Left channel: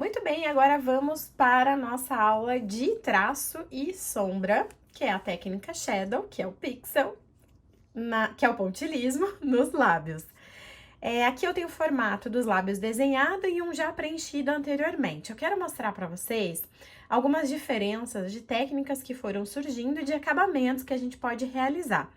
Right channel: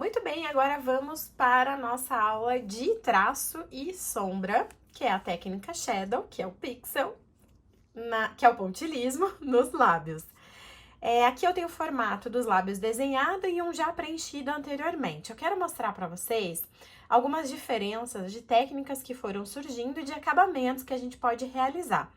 Muito bem, agora vamos para a nossa aula de traço e sombra, que é a técnica Shadow, que é o pixel, que é o pontilhismo nos lábios. Aqui eu tenho o formato dos lábios desenhado e um já preenchido anteriormente. Eu quero mostrar para vocês algumas diferenças de técnicas que foram surgindo e de acabamentos que a gente pode realizar.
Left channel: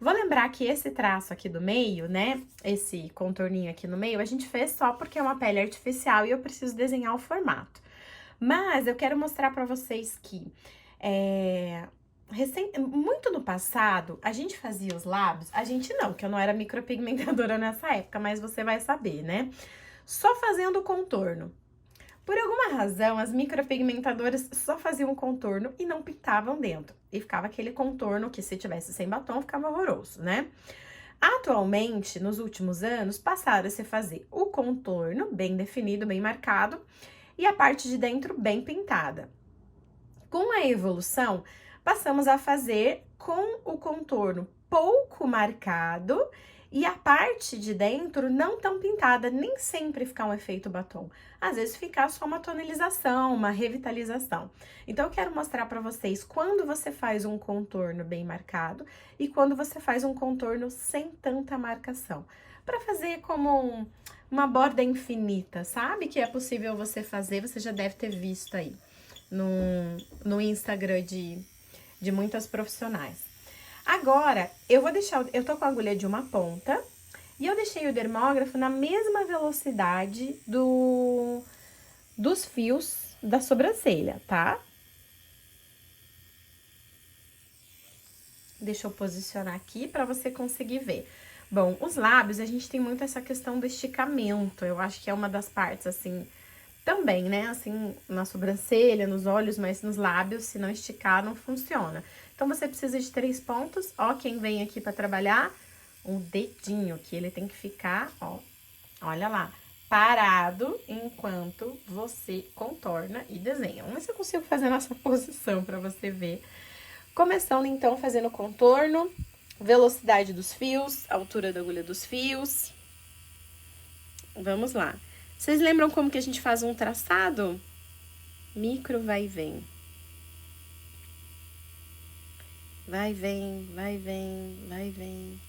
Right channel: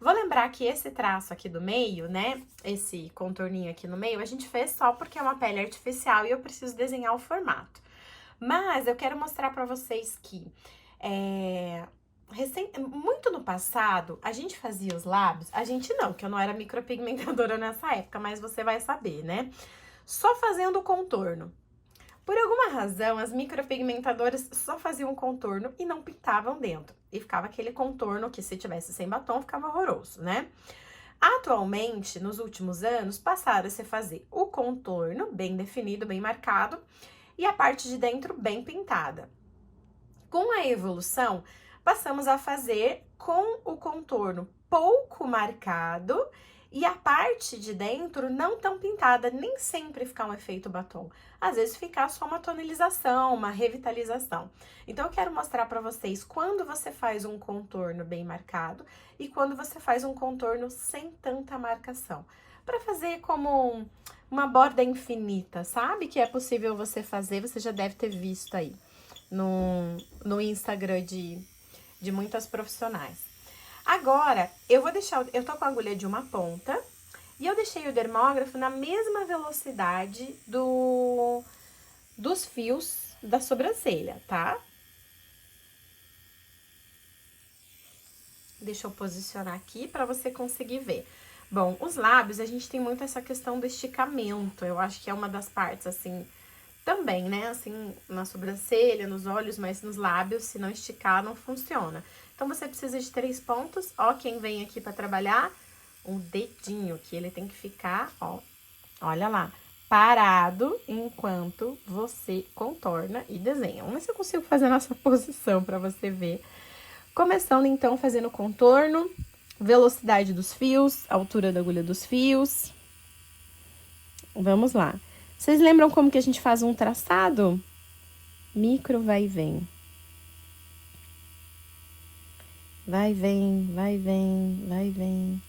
Vou lembrar que esse traço aqui do meio, né, esse contorninho aqui no meio, a gente fez só porque é uma pele artificial e eu preciso desenhar o formato. Mas eu quero mostrar para vocês que muito no passado, a gente fazia os lábios, a gente não, que eu não era micropigmentadora nessa época, mas você vai saber, né? Só fazendo o contorno. Por alguma razão, as micropigmentadoras só faziam o contorno e não pintavam dentro. E ficava aquele contorno que, se tivesse sem batom, ficava horroroso, né? Atualmente, nos últimos anos, passaram a se fazer o contorno bem definido, bem marcado, e a parte de dentro bem pintada. Com a evolução, passamos a fazer com o contorno pouco marcado e a parte de dentro não tão pintada, nem sempre ficar um efeito batom. Às vezes ficar só uma tonalização, uma revitalização. Então eu quero mostrar para vocês quando você faz um contorno bem marcado e quando você faz um contorno sem tanta marcação. Para fazer como uma borda infinita, sabe? Que é possível você fazer, você já deve ter visto aí no Instagram de muitas profissionais. Agora, eu tô com a agulha de uma ponta e eu deixei o dermógrafo na mesma velocidade dos fios da sobrancelha, tá? Deixa eu posicionar aqui para você conseguir ver. Bom, os lábios, a gente tem muito essa questão do esticamento. Eu acho que é uma das partes, assim, também, né? Assim, na sobrancelha, nos olhos, mas nos lábios, se não esticar, não funciona. Então, você precisa de 3 pontos. Ó, quem vem aqui para trabalhar, um dedinho, que ele tem que ficar, ó, olha lá, parado enquanto você contorna e desenha. Vamos ver se eu consigo fazer nessa posição para você ver. Começando, então, fazendo o contorno, velocidade dos fios, altura da agulha dos fios. Vamos lá. Vocês lembram como que a gente faz um traçado? Micro vai e vem. Vai, vem, vai, vem, vai, vem.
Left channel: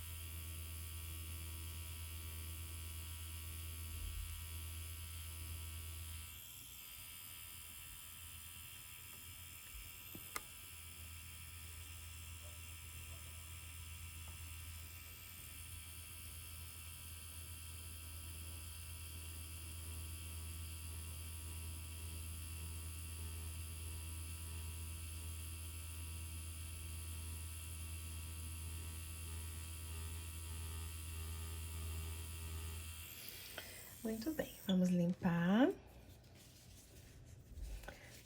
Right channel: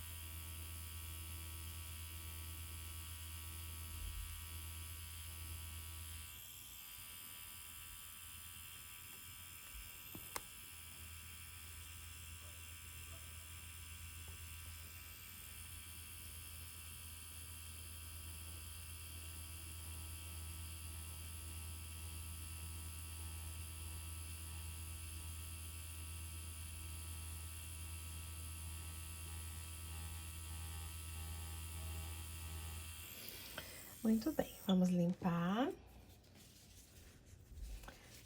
Muito bem, vamos limpar.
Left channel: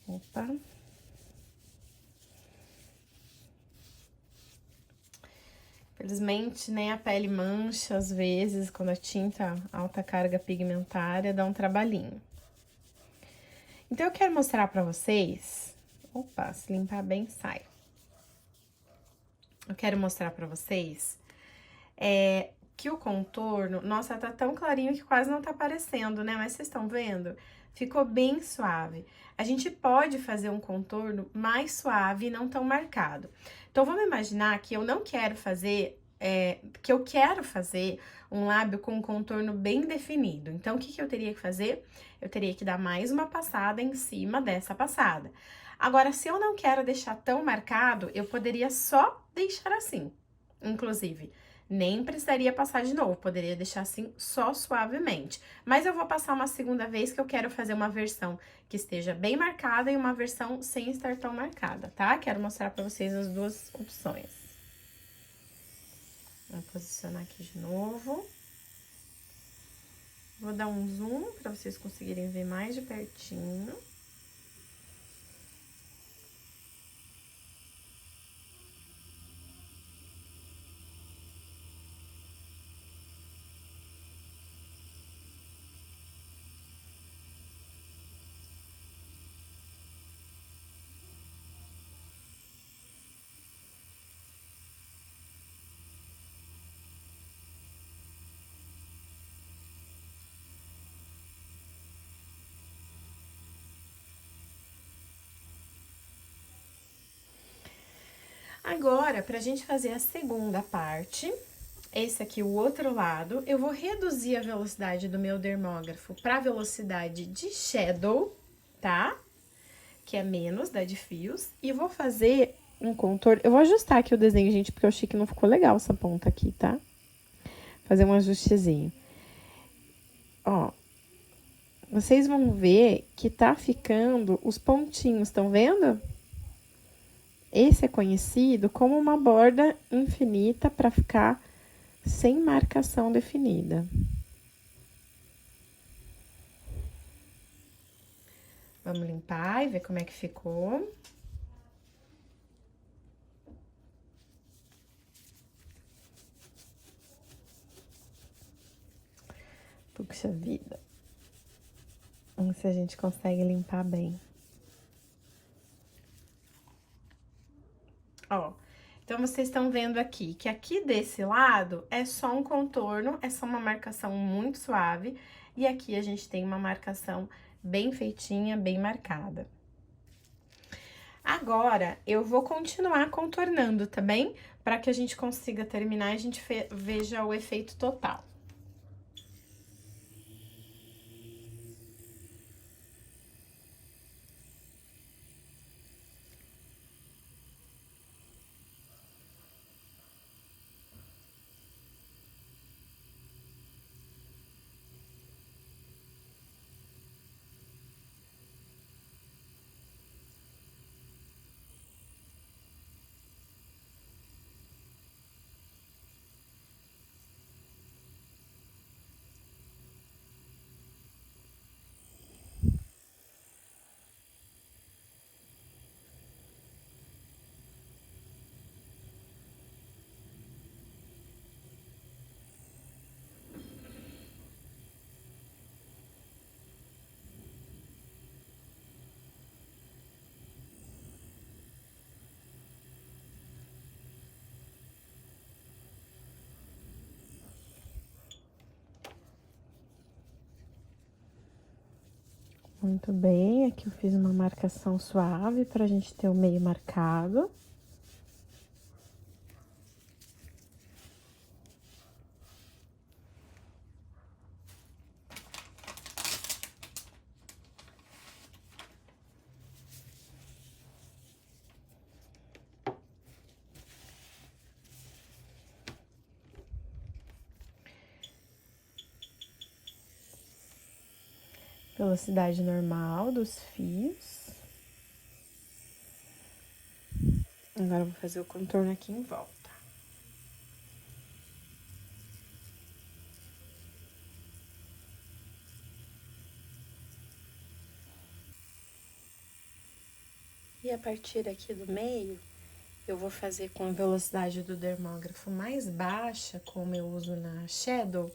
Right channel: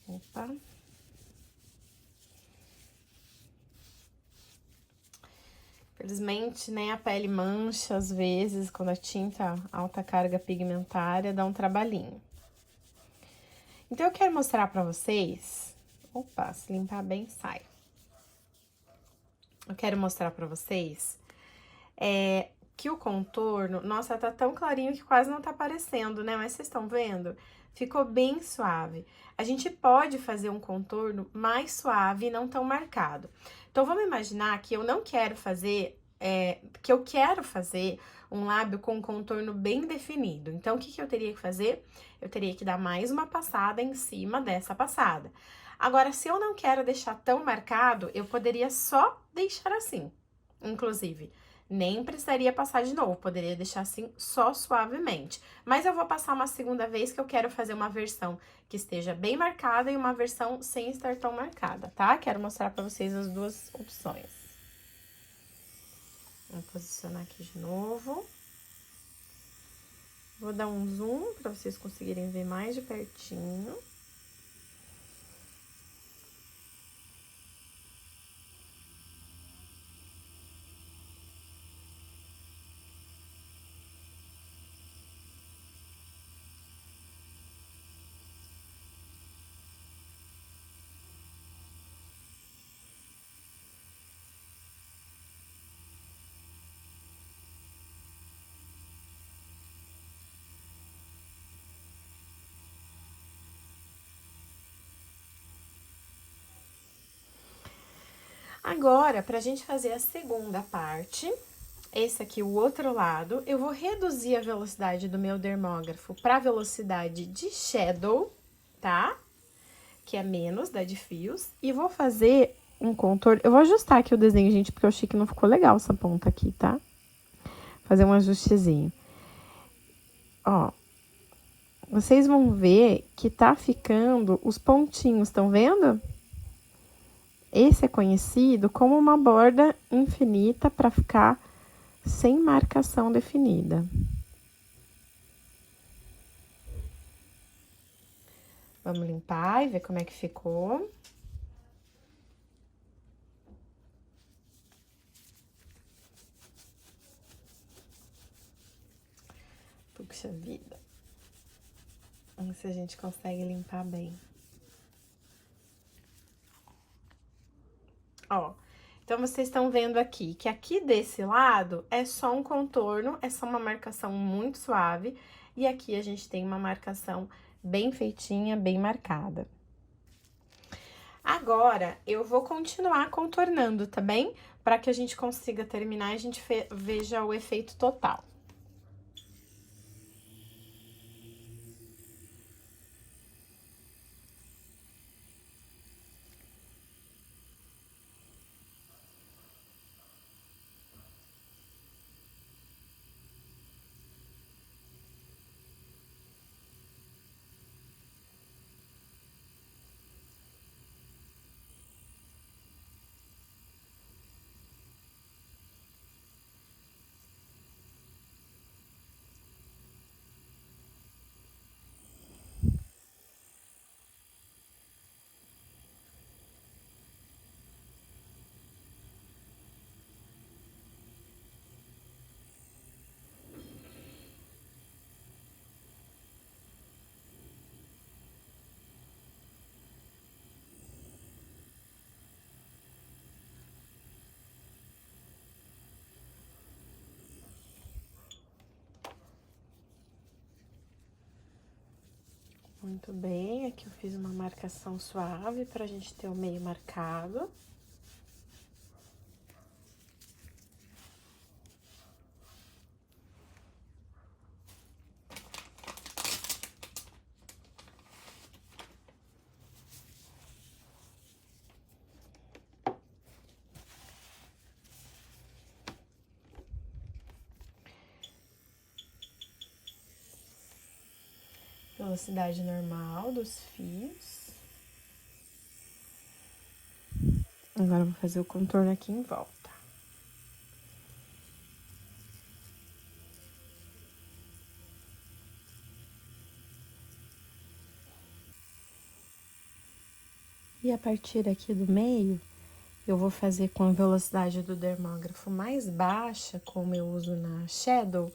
Opa. Felizmente, né, a pele mancha às vezes, quando a tinta alta carga pigmentária dá um trabalhinho. Então, eu quero mostrar pra vocês... Opa, se limpar bem, sai. Eu quero mostrar pra vocês que o contorno... Nossa, tá tão clarinho que quase não tá aparecendo, né? Mas vocês estão vendo? Ficou bem suave. A gente pode fazer um contorno mais suave e não tão marcado. Então, vamos imaginar que eu não quero fazer... que eu quero fazer um lábio com um contorno bem definido. Então, o que que eu teria que fazer? Eu teria que dar mais uma passada em cima dessa passada. Agora, se eu não quero deixar tão marcado, eu poderia só deixar assim, inclusive. Nem precisaria passar de novo, poderia deixar assim só suavemente. Mas eu vou passar uma segunda vez que eu quero fazer uma versão que esteja bem marcada e uma versão sem estar tão marcada, tá? Quero mostrar pra vocês as duas opções. Vou posicionar aqui de novo. Vou dar um zoom pra vocês conseguirem ver mais de pertinho. Agora, pra gente fazer a segunda parte, esse aqui, o outro lado, eu vou reduzir a velocidade do meu dermógrafo pra velocidade de shadow, tá? Que é menos da de fios. E vou fazer um contorno. Eu vou ajustar aqui o desenho, gente, porque eu achei que não ficou legal essa ponta aqui, tá? Fazer um ajustezinho. Ó. Vocês vão ver que tá ficando os pontinhos, estão vendo? Esse é conhecido como uma borda infinita para ficar sem marcação definida. Vamos limpar e ver como é que ficou. Puxa vida. Vamos ver se a gente consegue limpar bem. Ó, então vocês estão vendo aqui que aqui desse lado é só um contorno, é só uma marcação muito suave. E aqui a gente tem uma marcação bem feitinha, bem marcada. Agora, eu vou continuar contornando, tá bem? Para que a gente consiga terminar e a gente veja o efeito total. Muito bem, aqui eu fiz uma marcação suave pra gente ter o meio marcado. Velocidade normal dos fios. Agora eu vou fazer o contorno aqui em volta. E a partir aqui do meio, eu vou fazer com a velocidade do dermógrafo mais baixa, como eu uso na Shadow,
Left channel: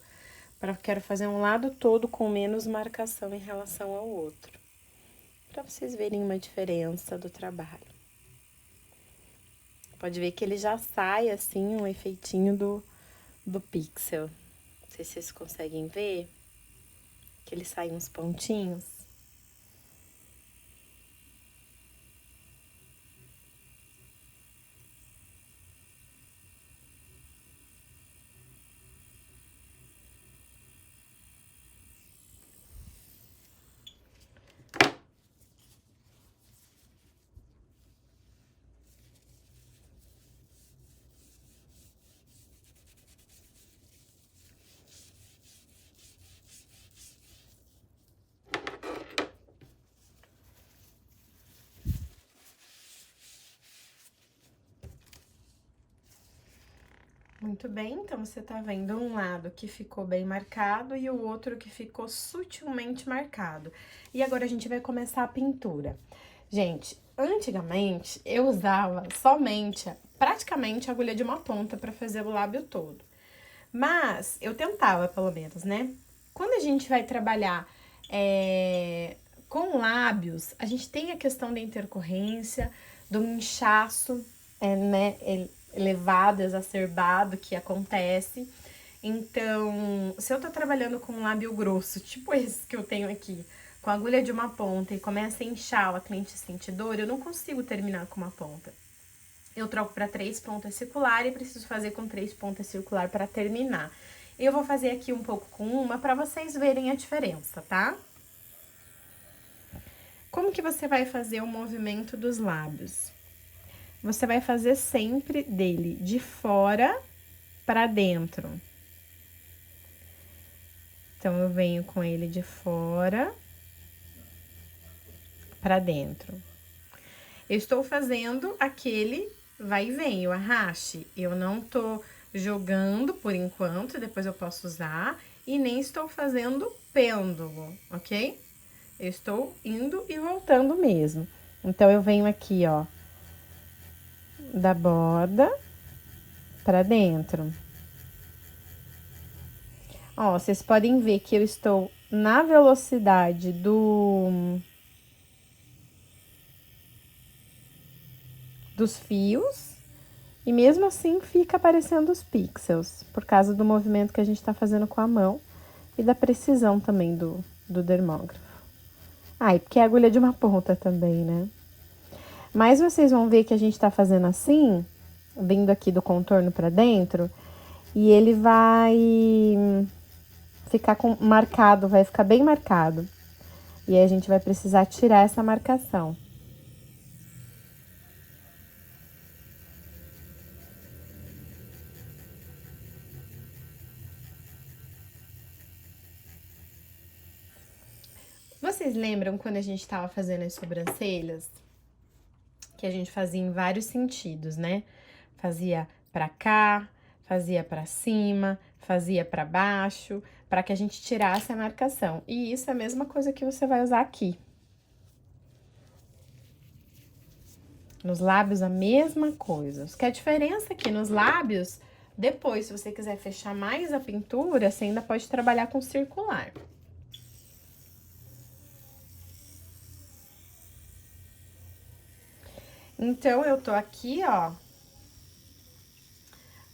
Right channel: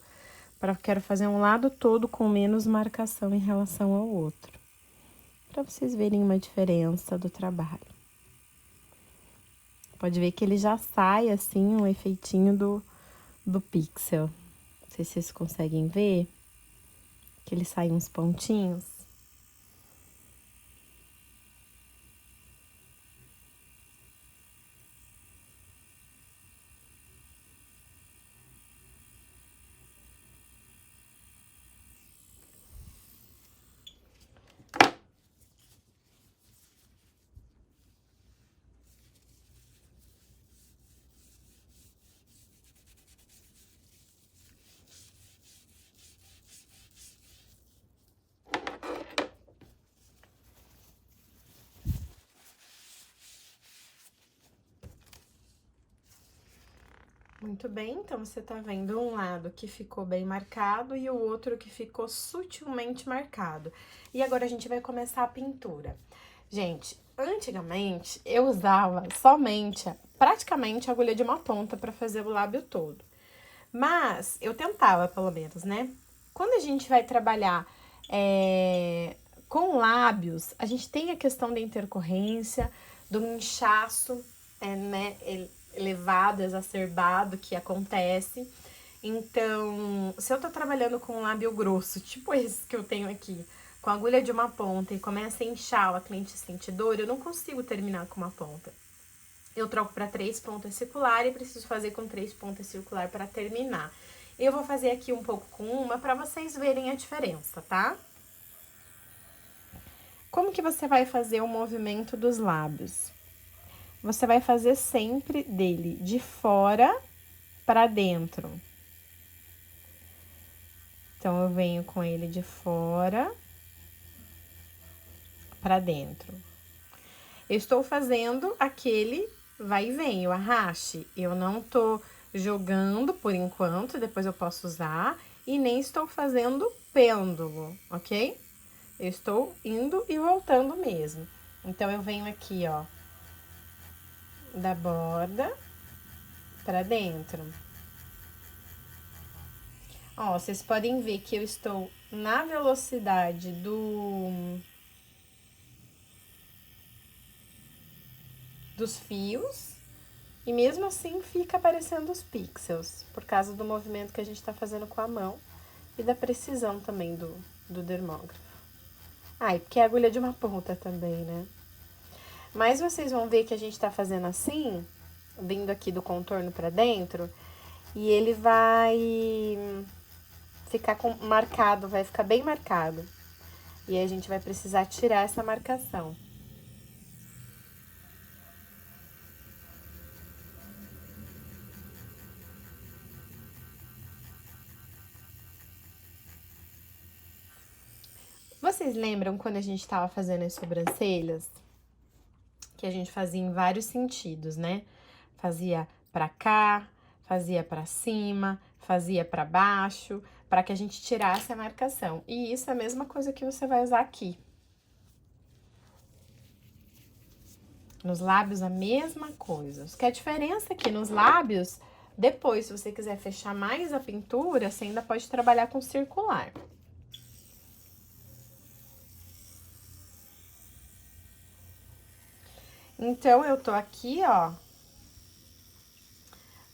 quero fazer um lado todo com menos marcação em relação ao outro. Pra vocês verem uma diferença do trabalho. Pode ver que ele já sai assim, um efeitinho do pixel. Não sei se vocês conseguem ver, que ele sai uns pontinhos. Muito bem, então você tá vendo um lado que ficou bem marcado e o outro que ficou sutilmente marcado. E agora a gente vai começar a pintura. Gente, antigamente eu usava somente, praticamente, a agulha de uma ponta para fazer o lábio todo. Mas eu tentava, pelo menos, né? Quando a gente vai trabalhar com lábios, a gente tem a questão da intercorrência, do inchaço, né? Elevado, exacerbado que acontece. Então, se eu tô trabalhando com um lábio grosso, tipo esse que eu tenho aqui, com a agulha de uma ponta e começa a inchar, a cliente sente dor, eu não consigo terminar com uma ponta. eu troco para 3 pontas circular e preciso fazer com 3 pontas circular para terminar. Eu vou fazer aqui um pouco com uma para vocês verem a diferença, tá? Como que você vai fazer o movimento dos lábios? Você vai fazer sempre dele de fora para dentro. Então, eu venho com ele de fora para dentro. Eu estou fazendo aquele vai e vem, o arraste. Eu não tô jogando por enquanto, depois eu posso usar. E nem estou fazendo pêndulo, ok? Eu estou indo e voltando mesmo. Então, eu venho aqui, ó, da borda para dentro. Ó, vocês podem ver que eu estou na velocidade dos fios e mesmo assim fica aparecendo os pixels, por causa do movimento que a gente tá fazendo com a mão e da precisão também do dermógrafo. Ah, e porque é agulha de uma ponta também, né? Mas vocês vão ver que a gente tá fazendo assim, vindo aqui do contorno pra dentro, e ele vai ficar marcado, vai ficar bem marcado. E aí a gente vai precisar tirar essa marcação. Vocês lembram quando a gente tava fazendo as sobrancelhas? Que a gente fazia em vários sentidos, né? Fazia pra cá, fazia pra cima, fazia pra baixo, para que a gente tirasse a marcação. E isso é a mesma coisa que você vai usar aqui. Nos lábios, a mesma coisa. Só que a diferença é que nos lábios, depois, se você quiser fechar mais a pintura, você ainda pode trabalhar com circular. Então, eu tô aqui, ó,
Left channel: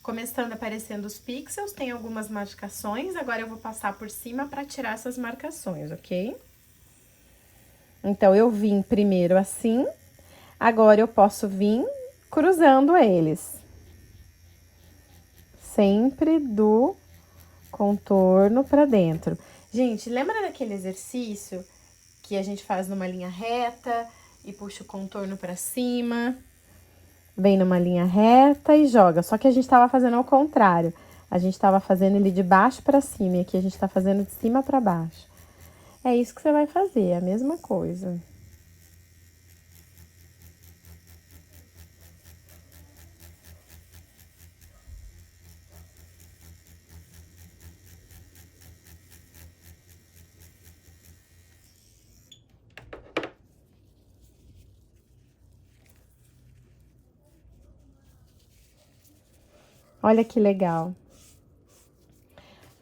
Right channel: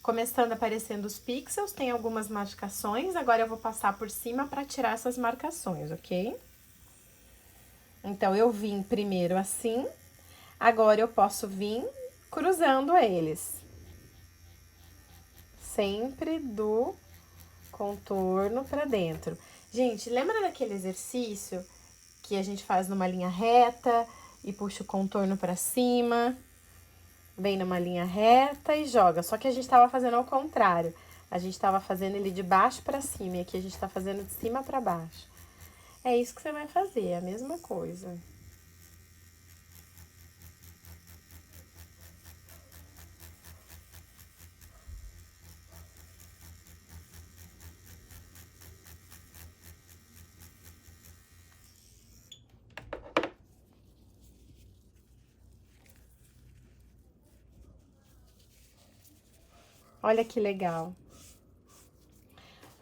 começando aparecendo os pixels, tem algumas marcações, agora eu vou passar por cima pra tirar essas marcações, ok? Então, eu vim primeiro assim, agora eu posso vir cruzando eles. Sempre do contorno pra dentro. Gente, lembra daquele exercício que a gente faz numa linha reta e puxa o contorno pra cima? Vem numa linha reta e joga. Só que a gente tava fazendo ao contrário. A gente tava fazendo ele de baixo pra cima e aqui a gente tá fazendo de cima pra baixo. É isso que você vai fazer, é a mesma coisa. Olha que legal.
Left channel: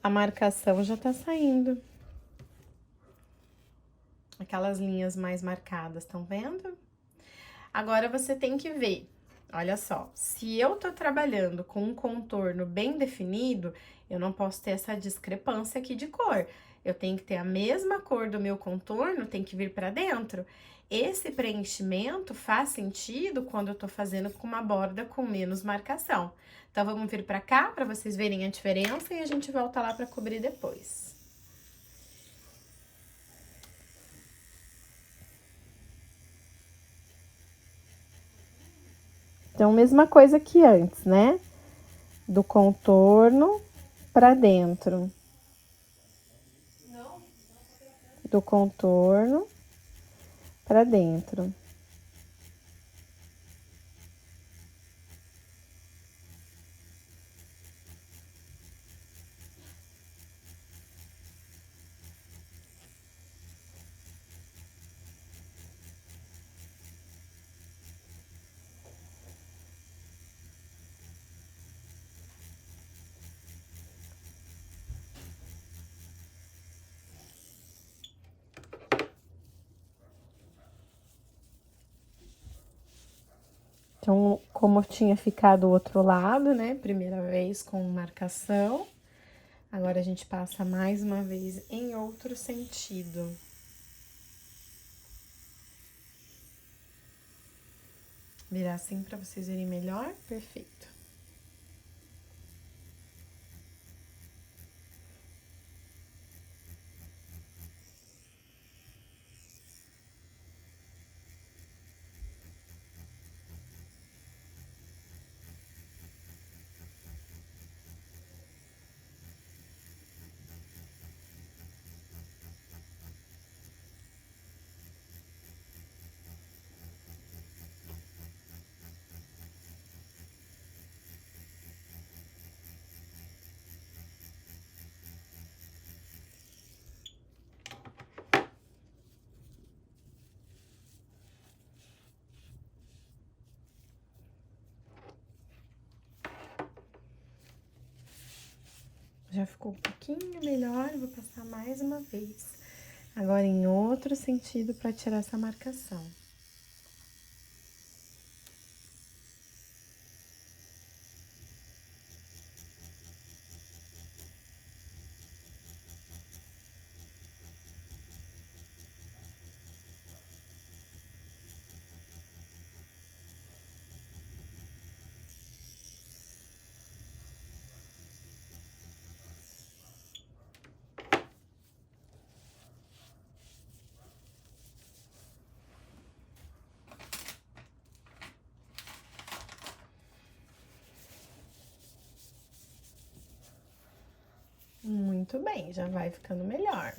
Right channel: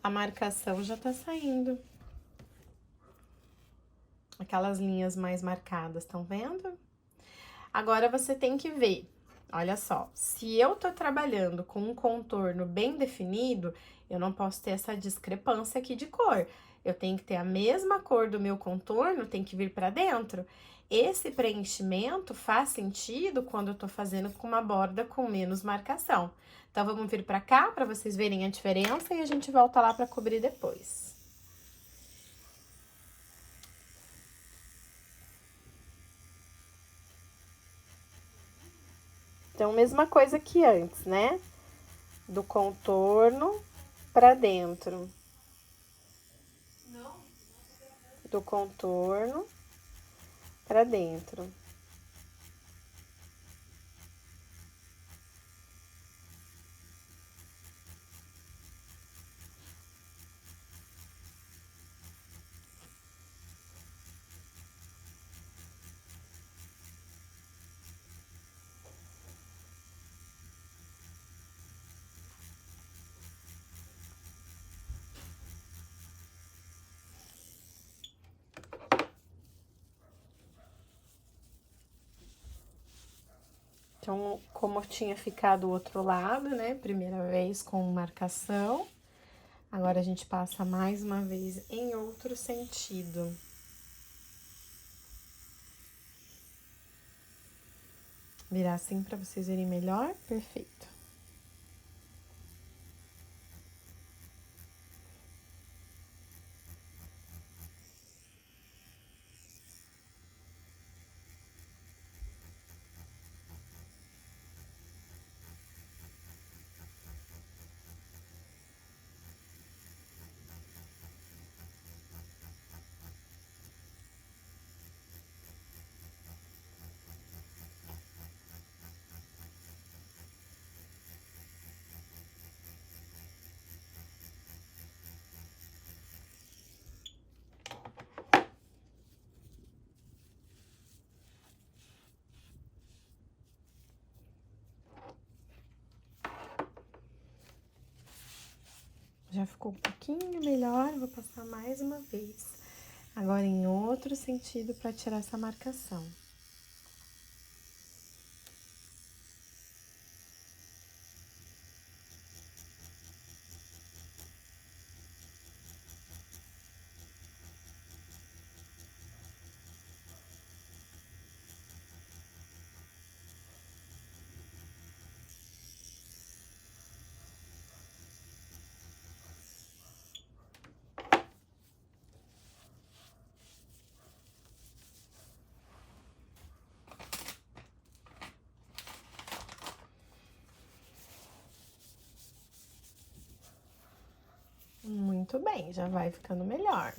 A marcação já tá saindo. Aquelas linhas mais marcadas, estão vendo? Agora, você tem que ver, olha só, se eu tô trabalhando com um contorno bem definido, eu não posso ter essa discrepância aqui de cor. Eu tenho que ter a mesma cor do meu contorno, tem que vir pra dentro. Esse preenchimento faz sentido quando eu tô fazendo com uma borda com menos marcação. Então, vamos vir pra cá pra vocês verem a diferença e a gente volta lá pra cobrir depois. Então, mesma coisa que antes, né? Do contorno pra dentro. Do contorno pra dentro. Então, como tinha ficado o outro lado, né? Primeira vez com marcação. Agora, a gente passa mais uma vez em outro sentido. Virar assim pra vocês verem melhor. Perfeito. Já ficou um pouquinho melhor, vou passar mais uma vez. Agora em outro sentido para tirar essa marcação. Muito bem, já vai ficando melhor.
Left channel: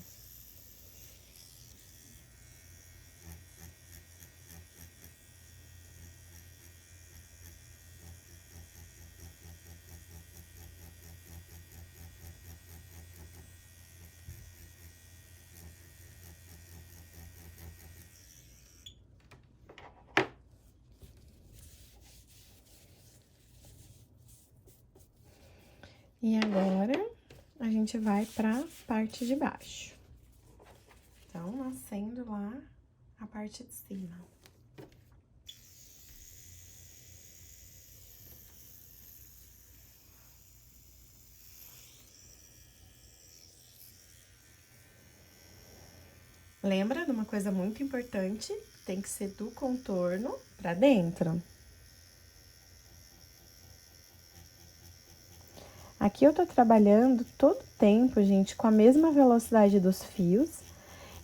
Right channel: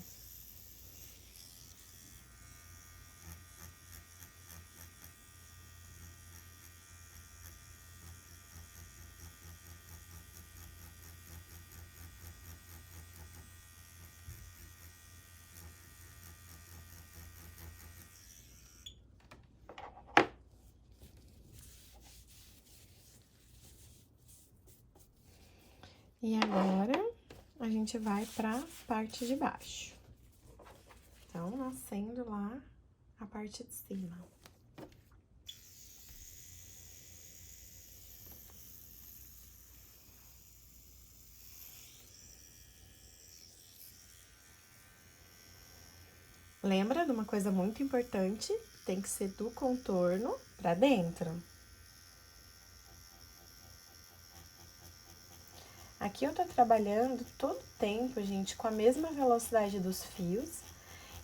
E agora, a gente vai pra parte de baixo. Então, nascendo lá a parte de cima. Lembra de uma coisa muito importante? Tem que ser do contorno pra dentro. Aqui eu tô trabalhando todo o tempo, gente, com a mesma velocidade dos fios.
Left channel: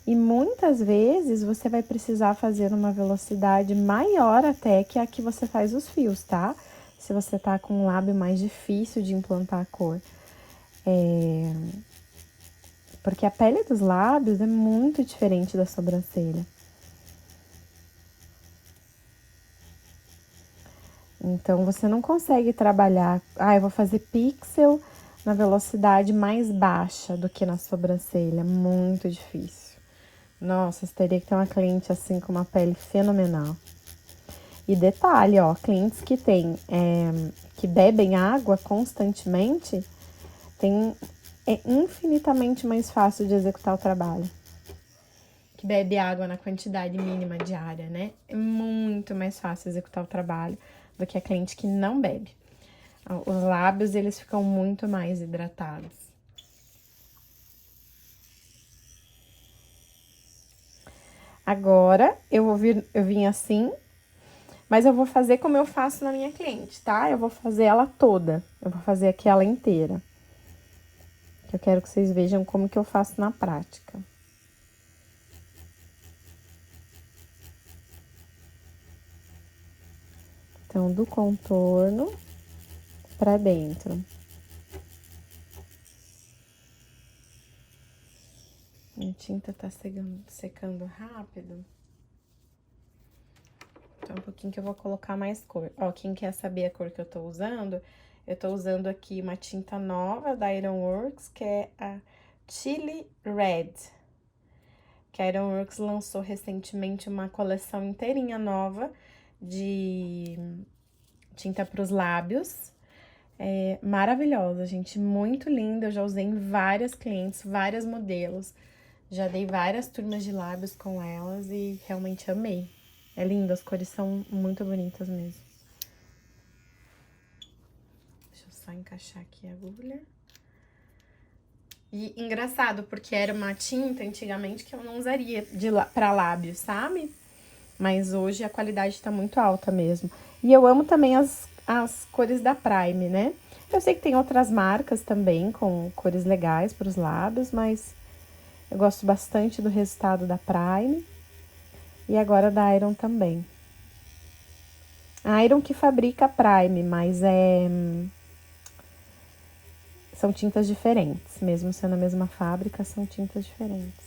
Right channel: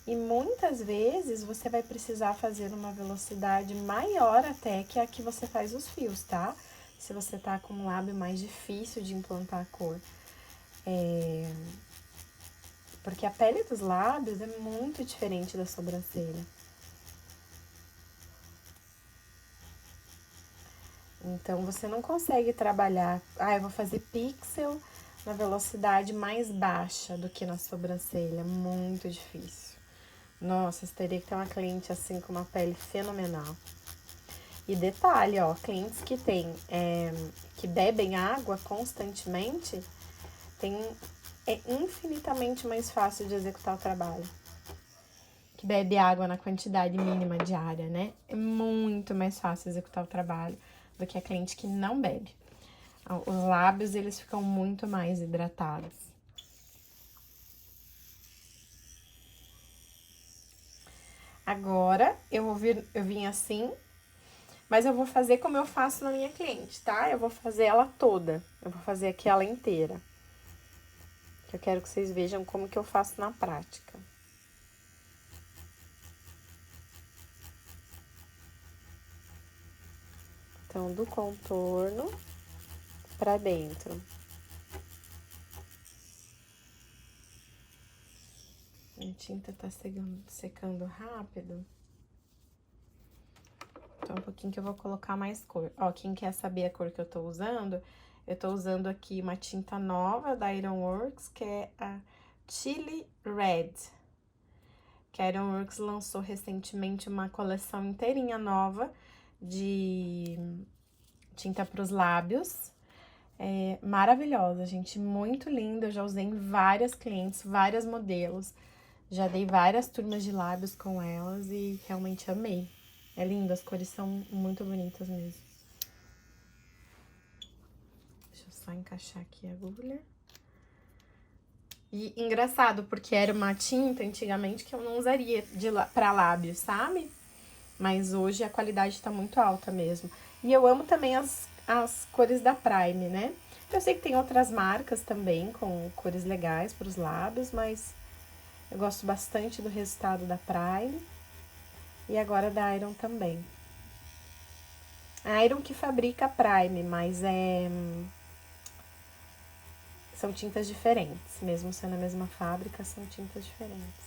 E muitas vezes você vai precisar fazer uma velocidade maior até que a que você faz os fios, tá? Se você tá com um lábio mais difícil de implantar a cor. Porque a pele dos lábios é muito diferente da sobrancelha. Então, você não consegue trabalhar... eu vou fazer pixel na velocidade mais baixa do que na sobrancelha. Muito difícil. Nossa, você teria que ter uma cliente assim com uma pele fenomenal. E detalhe, ó, clientes que que bebem água constantemente, é infinitamente mais fácil de executar o trabalho. Que bebe água na quantidade mínima diária, né? É muito mais fácil executar o trabalho do que a cliente que não bebe. Os lábios, eles ficam muito mais hidratados. Agora, eu vim assim, mas eu vou fazer como eu faço na minha cliente, tá? Eu vou fazer ela toda. Eu vou fazer aqui ela inteira. Eu quero que vocês vejam como que eu faço na prática. Então, do contorno pra dentro. A tinta tá secando rápido. Então, um pouquinho que eu vou colocar mais cor. Ó, quem quer saber a cor que eu tô usando aqui uma tinta nova da Ironworks, que é a Chili Red. Que a Ironworks lançou recentemente uma coleção inteirinha nova de tinta pros lábios. É maravilhosa, gente, muito linda. Eu já usei em várias clientes, vários modelos. Já dei várias turmas de lábios com elas e realmente amei. É lindo, as cores são muito bonitas mesmo. Deixa eu só encaixar aqui a agulha. E engraçado, porque era uma tinta antigamente que eu não usaria pra lábios, sabe? Mas hoje a qualidade tá muito alta mesmo. E eu amo também as cores da Prime, né? Eu sei que tem outras marcas também com cores legais para os lábios, mas eu gosto bastante do resultado da Prime e agora da Iron também. A Iron que fabrica a Prime, mas são tintas diferentes, mesmo sendo a mesma fábrica, são tintas diferentes.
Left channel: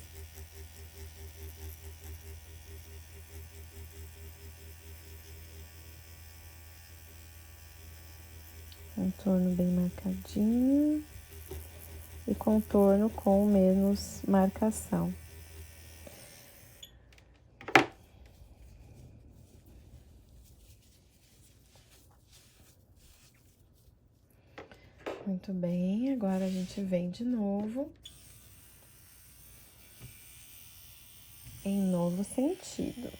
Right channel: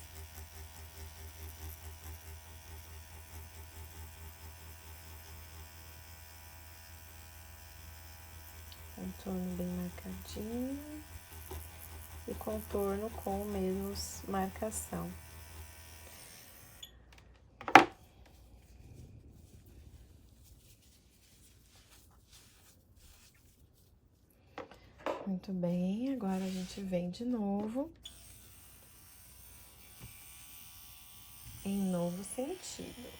Contorno bem marcadinho e contorno com menos marcação. Muito bem, agora a gente vem de novo em novo sentido.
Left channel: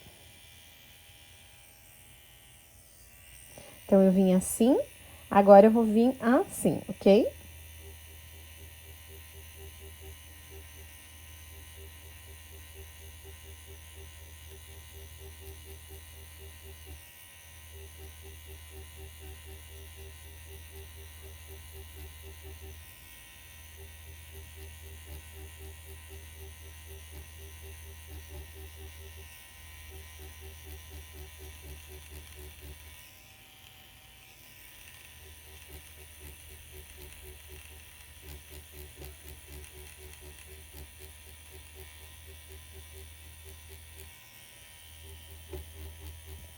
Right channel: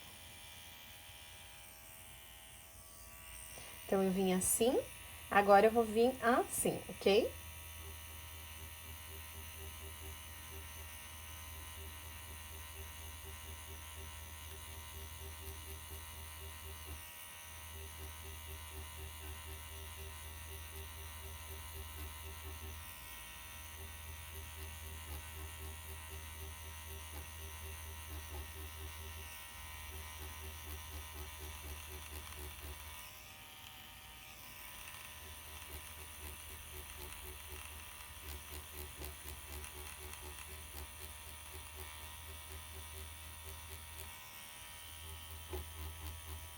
Então, eu vim assim, agora eu vou vir assim, ok?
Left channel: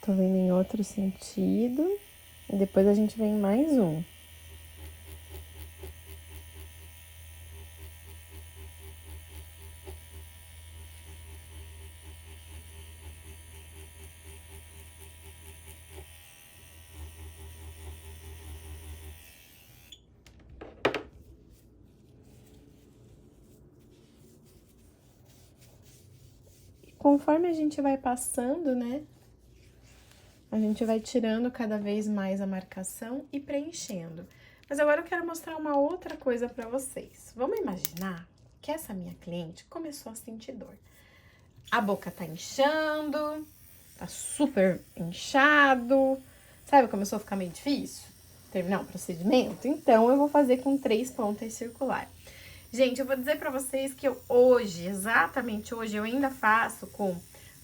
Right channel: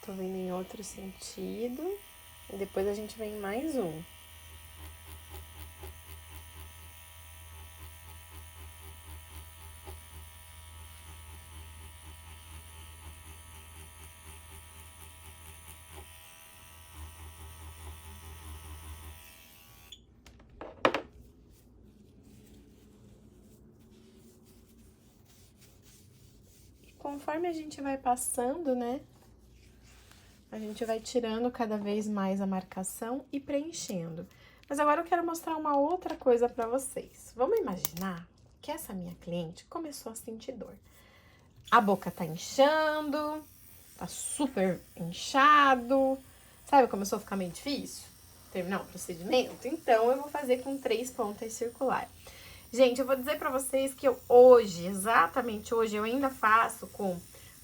Tô vendo em outro sentido. E depois a gente vem mais um. E conforme a gente vai passando, né? A gente vai tirando cada vez mais a marcação e preenchendo. Mas agora eu quero mostrar uma outra coisa pra vocês. Vamos imaginar que essa minha cliente começou a sentir dor. A boca tá inchando, tá super inchado, sabe? Começou a ficar meio difícil terminar o procedimento. Então, eu vou fazer com 3 pontas circulares. Gente, eu vou dizer pra vocês que eu hoje, exatamente hoje, eu ainda faço com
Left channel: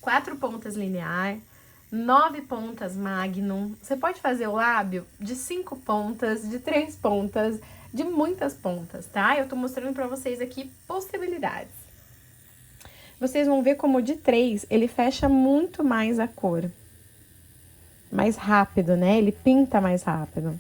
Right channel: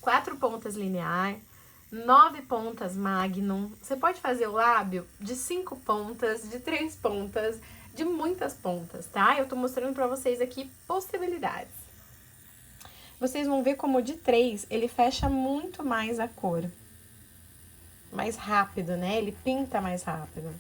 4 pontas linear, 9 pontas magnum. Você pode fazer o lábio de 5 pontas, de 3 pontas, de muitas pontas, tá? Eu tô mostrando pra vocês aqui possibilidades. Vocês vão ver como de 3 ele fecha muito mais a cor. Mais rápido, né? Ele pinta mais rápido.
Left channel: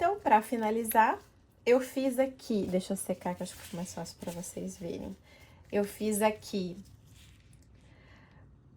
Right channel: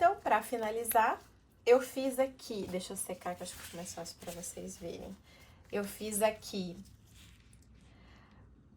Então, pra finalizar, eu fiz aqui... Deixa eu secar, que acho que fica mais fácil pra vocês verem. Eu fiz aqui...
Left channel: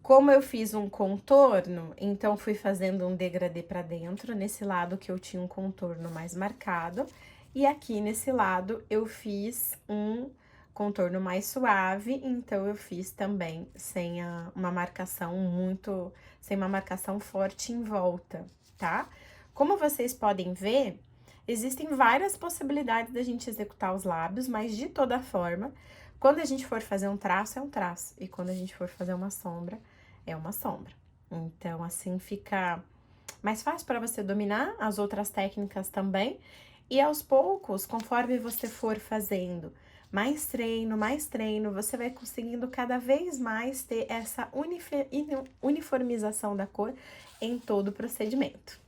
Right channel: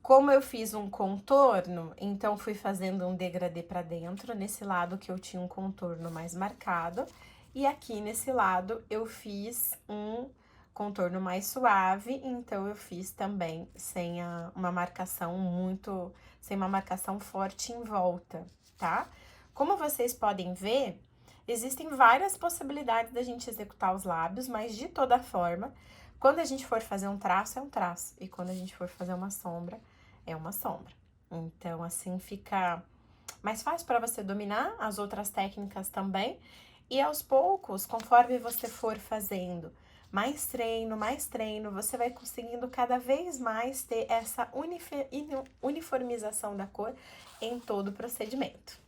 Como eu fiz um contorno, então fui fazendo um degradê pra dentro, nesse lado que eu tinha um contorno mais marcado. E aqui nesse lado eu fiz um contorno mais suave, então eu fiz também sem uma marcação muito... Sem uma marcação forte em volta, tá? Como vocês podem ver, existem várias possibilidades da gente executar os lábios, mas de toda forma, quando a gente for fazer um traço, é um traço. E quando a gente for fazer uma sombra, é uma sombra. Então, assim fica mais fácil para você dominar as outras técnicas também. E aos poucos, conforme você for fazendo mais treino, você vai conseguindo cada vez mais ter essa uniformização da cor em todo o procedimento.